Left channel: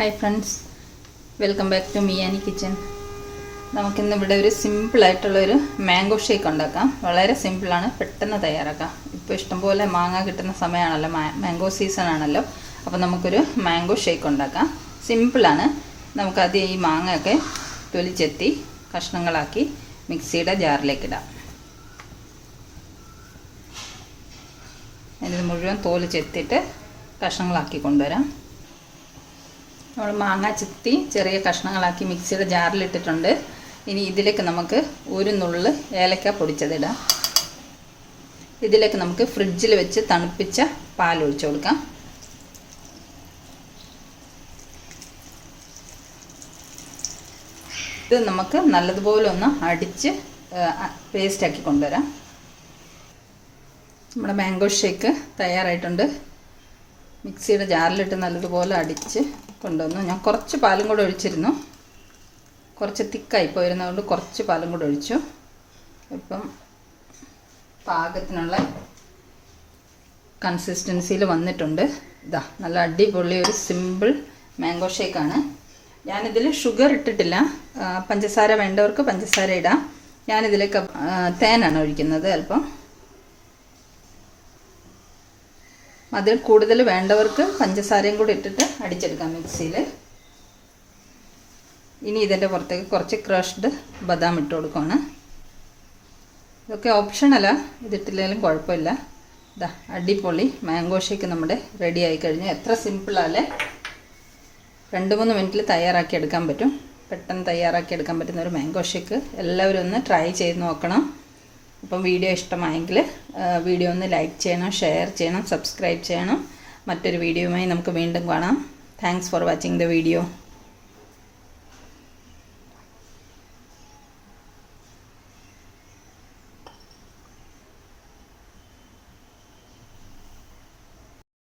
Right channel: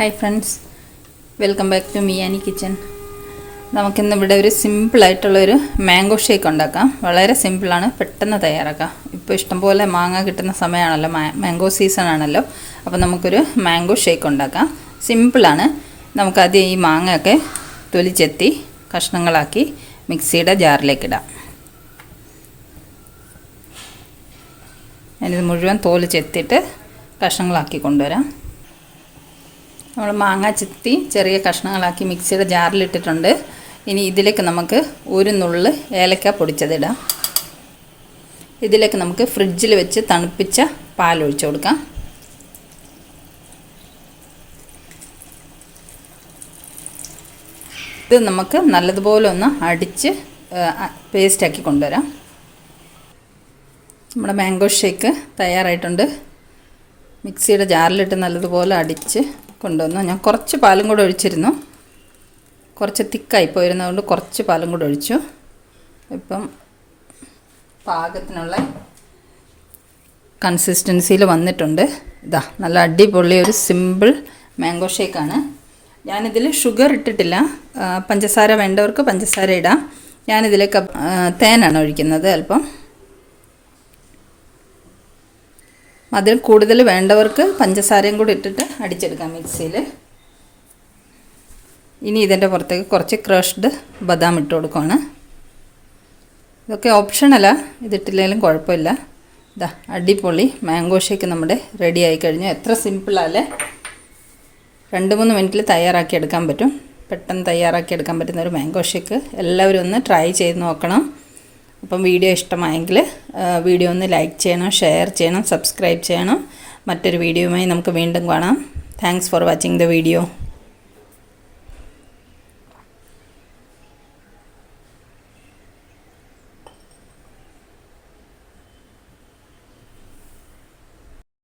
Hi friends, welcome back to മിയാനി kitchen. നമുക്കിന്ന് ഇവിടെ ഒരു സിമ്പിളായിട്ടുള്ളൊരു മാംഗോ ഷേക്ക് ഉണ്ടാക്കാം. വളരെ സിമ്പിളാണ്, പെട്ടെന്ന് തയ്യാറാക്കാം. ഇപ്പോൾ ഇഷ്ടംപോലെ മാങ്ങ കിട്ടുന്ന സമയമാണല്ലോ, മാംഗോ സീസൺ ആണല്ലോ. അപ്പോൾ നമുക്കൊരു മാംഗോ ഷേക്ക് ഉണ്ടാക്കാം. സിമ്പിളാണ്. നമുക്കാദ്യം ഈ മാങ്ങയൊക്കെ തൊലിച്ചെത്തി കഷ്ണങ്ങളാക്കി മിക്സിയുടെ ജാറിലേക്കിടാം. ഞാനിത് മുഴുവൻ തോല് ചെത്തിയിട്ട് കഷ്ണങ്ങളാക്കി കൊണ്ടുവരാം. നമ്മൾ മാങ്ങ ചെത്തി ചെറിയ കഷ്ണങ്ങളാക്കി മിക്സിയുടെ ജാറിലിട്ടിട്ടുണ്ട്. ഇനി ഇതിലേക്ക് നമുക്ക് ഒരു നുള്ള് ഏലക്ക പൊടിച്ചതിടാം. ഇതിലേക്ക് നമുക്ക് ഫ്രിഡ്ജിൽ വെച്ച് തണുപ്പിച്ച പാലൊഴിച്ച് കൊടുക്കാം. ഇത് നമുക്ക് നല്ലതുപോലെ ഒന്ന് അടിച്ച് പേസ്റ്റാക്കി കൊണ്ടുവരാം. നമ്മുടെ മാംഗോ ഷേക്ക് തയ്യാറായിട്ടുണ്ട്. മിക്സിയുടെ ജാറിലിട്ട് നല്ലതുപോലെ അടിച്ച് കൊണ്ടുവന്നു. ഞാൻ കുറച്ച് പാലും കൂടെ ഒഴിച്ചിരുന്നു. കുറച്ച് തിക്കായി പോയിരുന്നതുകൊണ്ട് കുറച്ച് പാലും കൂടെ ഒഴിച്ചു. ഇപ്പം പാകത്തിനുള്ള കൺസിസ്റ്റൻസിയിൽ വന്നിട്ടുണ്ട്. ഇതാ നല്ല അടിപൊളി ഒരു സിമ്പിൾ മാംഗോ ഷേക്കാണ്. ഞാനിതിൽ ഷുഗർ ഇട്ടിട്ടില്ല. പഞ്ചസാര വേണ്ടവർക്ക് പഞ്ചസാര ഇടാം. ഞാനിതിലേക്ക് തേനാണ് ഒഴിക്കുന്നത്. അല്പം അതിൽ കൂടുതൽ വേണ്ടവർക്ക് പഞ്ചസാരയും കൂടി ഇട്ടിട്ട് അടിച്ചെടുക്കാം മിക്സിയിൽ. ഇനി ഇതിൻ്റെ പുറത്തേക്ക് കുറച്ച് ക്രഷ്ഡ് ബദാം ഇട്ട് കൊടുക്കുകയാണ്. ഇതൊക്കെ ഓപ്ഷണലാണ്, ഇതിട്ടില്ലെങ്കിലും കുഴപ്പമില്ല. ഇതാ അടിപൊളി മാംഗോ ഷേക്ക് നമ്മുടെ റെഡി ആയി കഴിഞ്ഞു. എത്ര സിമ്പിളല്ലേ! 2-3 മിനിറ്റിൽ തയ്യാറാക്കി എടുക്കാൻ പറ്റും. പെട്ടെന്ന് തയ്യാറാക്കി എടുക്കാൻ പറ്റുന്ന ഒരു മാംഗോ ഷേക്ക്. എല്ലാവരും ഒന്ന് ട്രൈ ചെയ്ത് നോക്കണം. അപ്പം വീഡിയോ ഇഷ്ടമായെങ്കിൽ വീഡിയോ ഒന്ന് ലൈക്ക് ചെയ്യണം, ഷെയർ ചെയ്യണം, സബ്സ്ക്രൈബ് ചെയ്യണം. മറ്റൊരു വീഡിയോയുമായി നമുക്ക് വീണ്ടും കാണാം. Thanks for watching the video.